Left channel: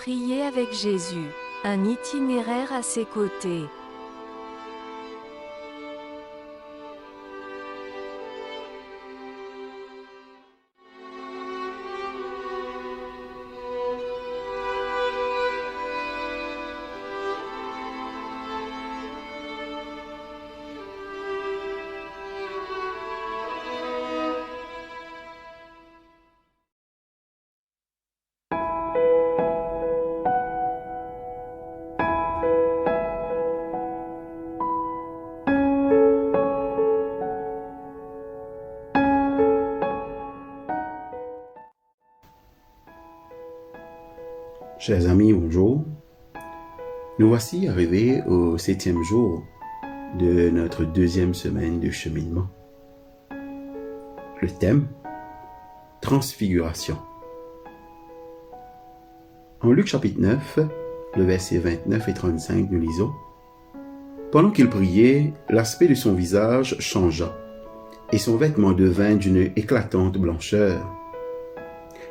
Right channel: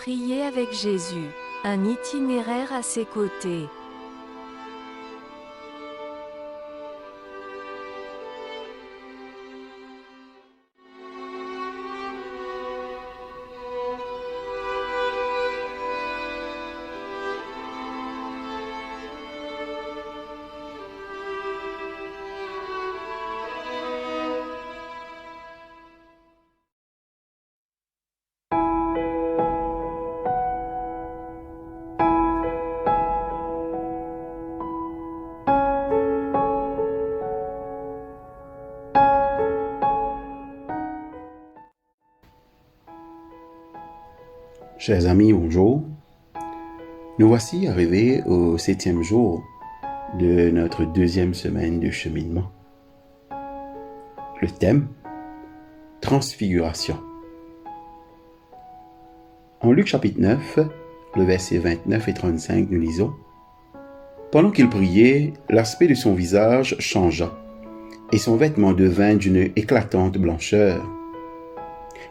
Prier avec Jésus, un itinéraire à ses côtés. Chers amis, bonjour. Nous voici arrivés au 7e jour de notre 2e semaine de cheminement. Le thème, transfiguration. En Luc chapitre 9, le verset 29 et 35, nous lisons: Pendant qu'il priait, l'aspect de son visage changea, et son vêtement devint d'une éclatante blancheur.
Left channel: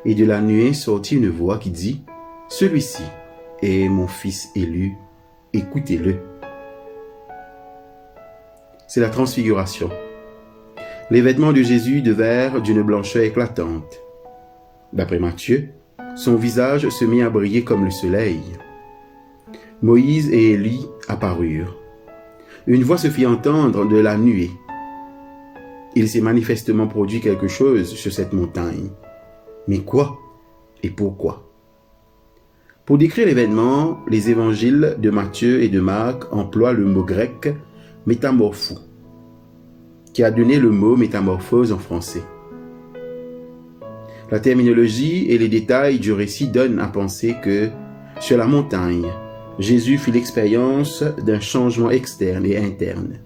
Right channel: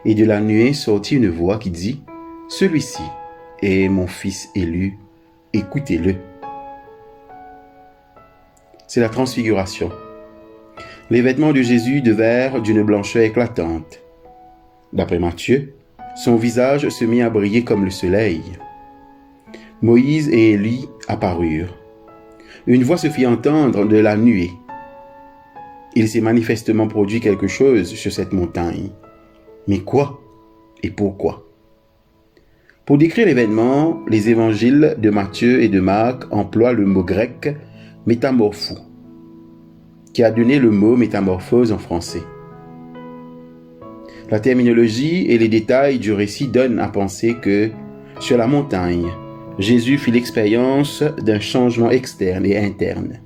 Et de la nuée sortit une voix qui dit: Celui-ci est mon fils élu, écoutez-le. C'est la transfiguration. Les vêtements de Jésus devinrent d'une blancheur éclatante. D'après Matthieu, son visage se mit à briller comme le soleil. Moïse et Élie apparurent. Une voix se fit entendre de la nuée. Il s'est manifestement produit quelque chose sur cette montagne. Mais quoi et pourquoi? Pour décrire l'événement, les évangiles de Matthieu et de Marc emploient le mot grec « métamorphou », qui a donné le mot « métamorphose » en français. La terminologie et les détails du récit donnent à penser que, sur la montagne, Jésus fit l'expérience d'un changement externe et interne.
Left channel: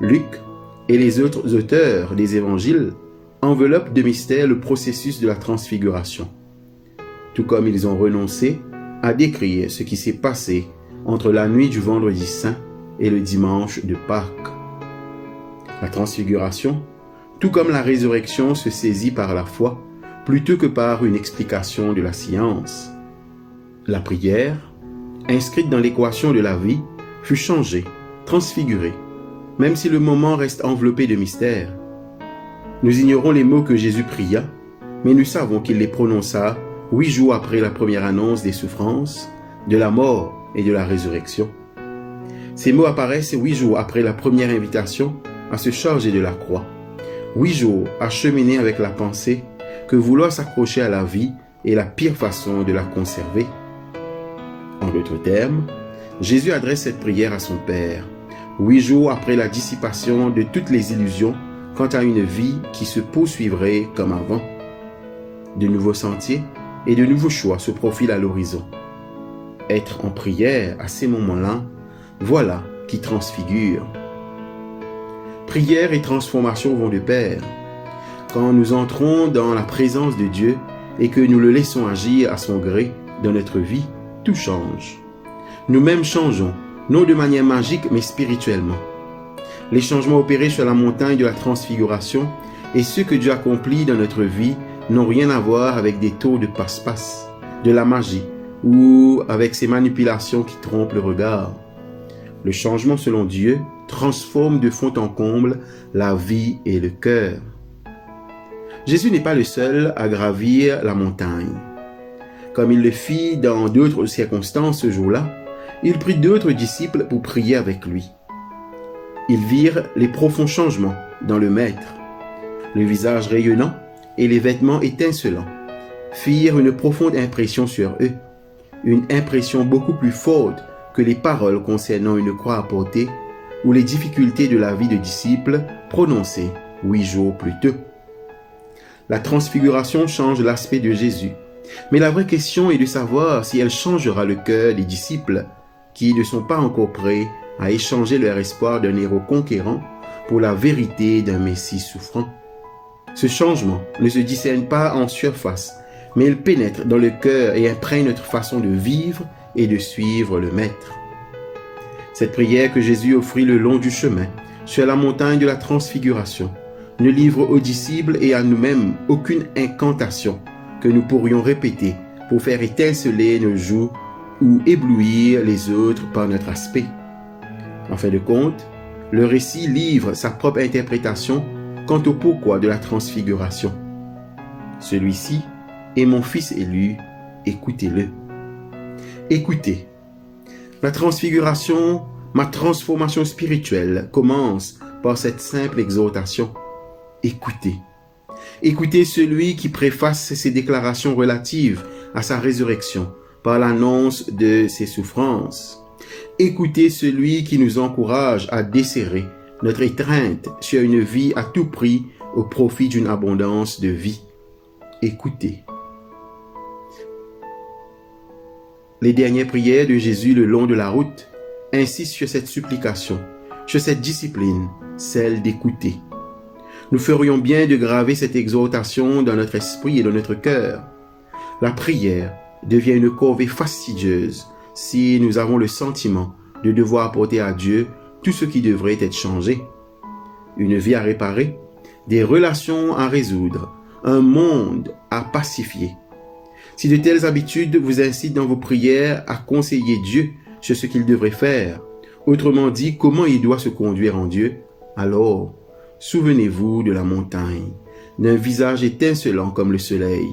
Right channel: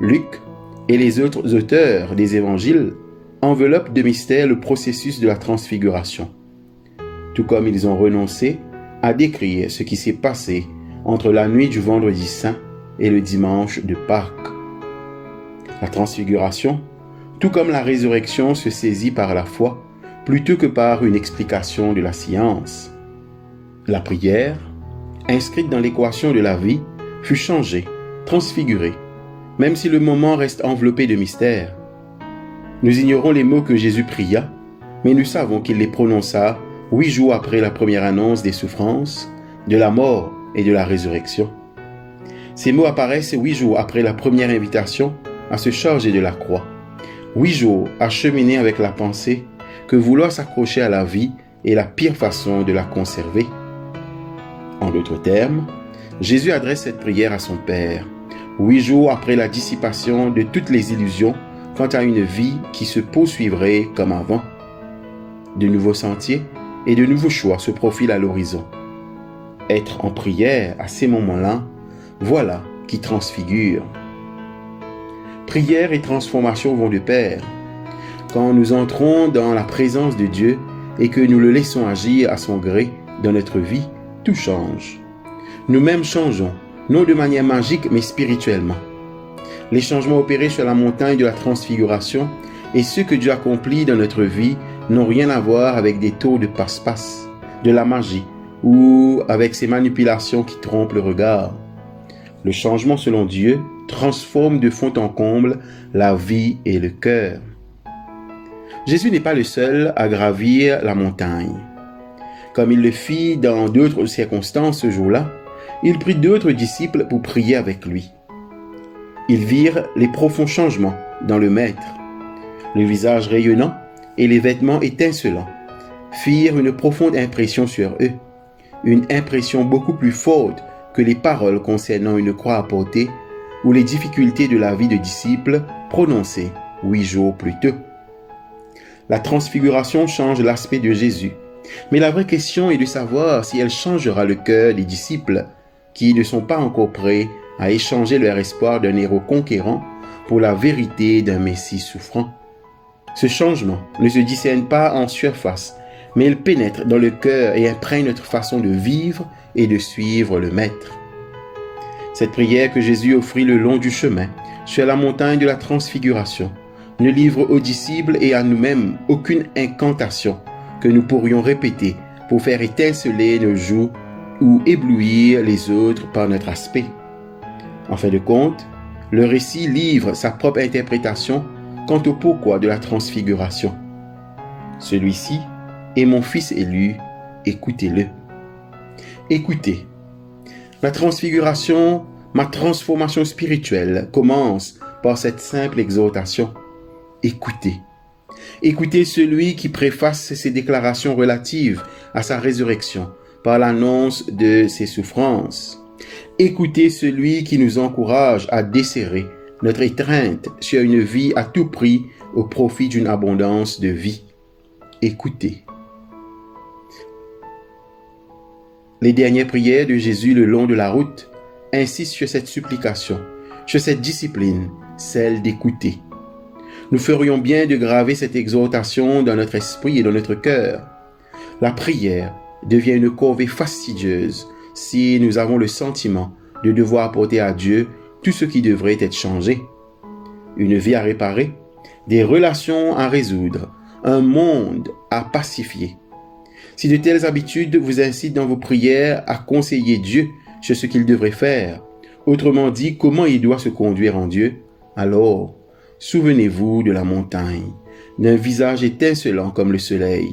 Luc et les autres auteurs des évangiles enveloppent de mystère le processus de la transfiguration, tout comme ils ont renoncé à décrire ce qui s'est passé entre la nuit du vendredi saint et le dimanche de Pâques. La transfiguration, tout comme la résurrection, se saisit par la foi plutôt que par une explication de la science. La prière, inscrite dans l'équation de la vie, fut changée, transfigurée, même si le moment reste enveloppé de mystère. Nous ignorons les mots que Jésus pria, mais nous savons qu'il les prononça 8 jours après la première annonce des souffrances, de la mort et de la résurrection. Ces mots apparaissent 8 jours après la première invitation à se charger de la croix. 8 jours à cheminer avec la pensée que vouloir s'accrocher à la vie est la pire façon de la conserver. En d'autres termes, Jésus adresse cette prière à son Père, 8 jours après la dissipation de toutes les illusions quant à une vie qui se poursuivrait comme avant. De nouveaux sentiers et de nouveaux choix se profilent à l'horizon. Être en prière à ces moments-là, voilà qui transfigure. Prière et transformation vont de pair. Quand nous entrons dans la présence de Dieu et que nous le laissons agir à son gré dans notre vie, tout change. Nous-mêmes changeons, non de manière magique mais spirituellement. Les changements opérés sur la montagne de la transfiguration et ceux que Dieu accomplit dans notre vie n'ont rien à voir avec des tours de passe-passe, de la magie ou avec ces manipulations qui trompent le regard. Le changement selon Dieu transforme de fond en comble la vie et le cœur. Jésus n'est pas le seul à gravir la montagne. Comme il le fit dans d'autres circonstances ce jour-là, il prit d'autres disciples pour prier avec lui. Ils virent les profonds changements dans le Maître. Le visage rayonnant et les vêtements étincelants firent une profonde impression sur eux, une impression beaucoup plus forte que les paroles concernant une croix à porter ou les difficultés de la vie de disciples prononcées 8 jours plus tôt. La transfiguration change l'aspect de Jésus, mais la vraie question est de savoir si elle changera le cœur des disciples qui ne sont pas encore prêts à échanger leur espoir d'un héros conquérant pour la vérité d'un Messie souffrant. Ce changement ne se discerne pas en surface, mais il pénètre dans le cœur et imprègne notre façon de vivre et de suivre le Maître. Cette prière que Jésus offrit le long du chemin, sur la montagne de la transfiguration, ne livre aux disciples et à nous-mêmes aucune incantation que nous pourrions répéter pour faire étinceler nos joues ou éblouir les autres par notre aspect. En fin de compte, le récit livre sa propre interprétation quant au pourquoi de la transfiguration. Celui-ci est mon fils élu, écoutez-le. Écoutez, la transfiguration, ma transformation spirituelle commence par cette simple exhortation. Écoutez. Écoutez celui qui préface ses déclarations relatives à sa résurrection par l'annonce de ses souffrances. Écoutez celui qui nous encourage à desserrer notre étreinte sur une vie à tout prix au profit d'une abondance de vie. Écoutez. Les dernières prières de Jésus le long de la route insistent sur cette supplication, sur cette discipline, celle d'écouter. Nous ferions bien de graver cette exhortation dans notre esprit et dans notre cœur. La prière devient une corvée fastidieuse si nous avons le sentiment de devoir apporter à Dieu tout ce qui devrait être changé. Une vie à réparer, des relations à résoudre, un monde à pacifier. Si de telles habitudes vous incitent dans vos prières à conseiller Dieu sur ce qu'il devrait faire, autrement dit, comment il doit se conduire en Dieu, alors souvenez-vous de la montagne, d'un visage étincelant comme le soleil,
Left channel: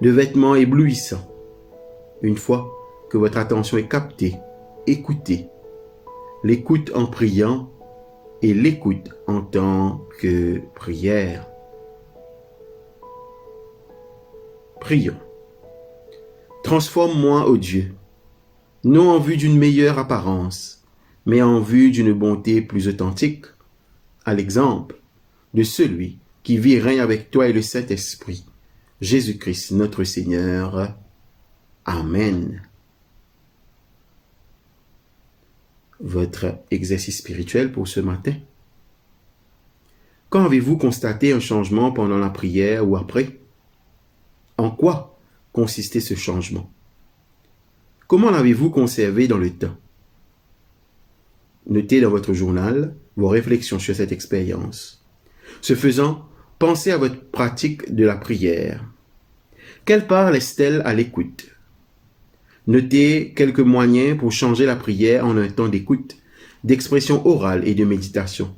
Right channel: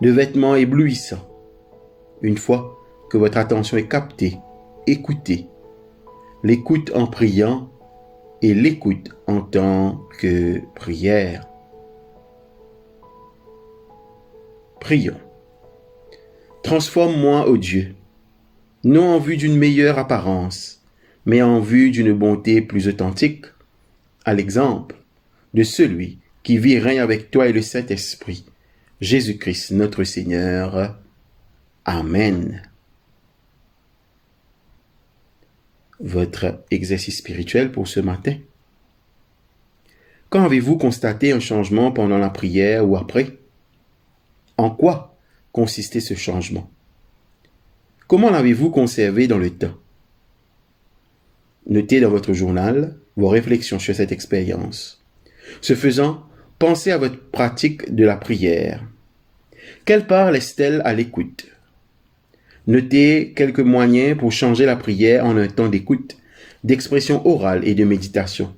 de vêtements éblouissants. Une fois que votre attention est captée, écoutez. L'écoute en priant et l'écoute en tant que prière. Prions. Transforme-moi, ô Dieu, non en vue d'une meilleure apparence, mais en vue d'une bonté plus authentique, à l'exemple de celui qui vit et règne avec toi et le Saint-Esprit, Jésus-Christ notre Seigneur. Amen. Votre exercice spirituel pour ce matin. Quand avez-vous constaté un changement pendant la prière ou après? En quoi consistait ce changement? Comment l'avez-vous conservé dans le temps? Notez dans votre journal vos réflexions sur cette expérience. Ce faisant, pensez à votre pratique de la prière. Quelle part laisse-t-elle à l'écoute? Notez quelques moyens pour changer la prière en un temps d'écoute, d'expression orale et de méditation.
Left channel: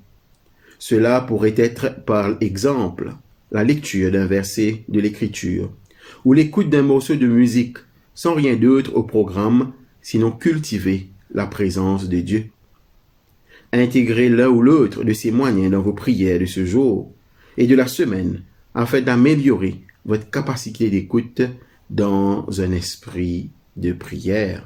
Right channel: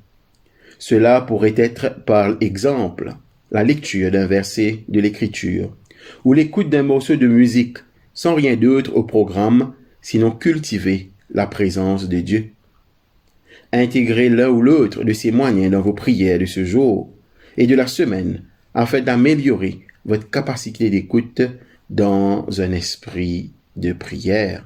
Cela pourrait être, par exemple, la lecture d'un verset de l'Écriture ou l'écoute d'un morceau de musique sans rien d'autre au programme, sinon cultiver la présence de Dieu. Intégrez l'un ou l'autre de ces moyens dans vos prières de ce jour et de la semaine afin d'améliorer votre capacité d'écoute dans un esprit de prière.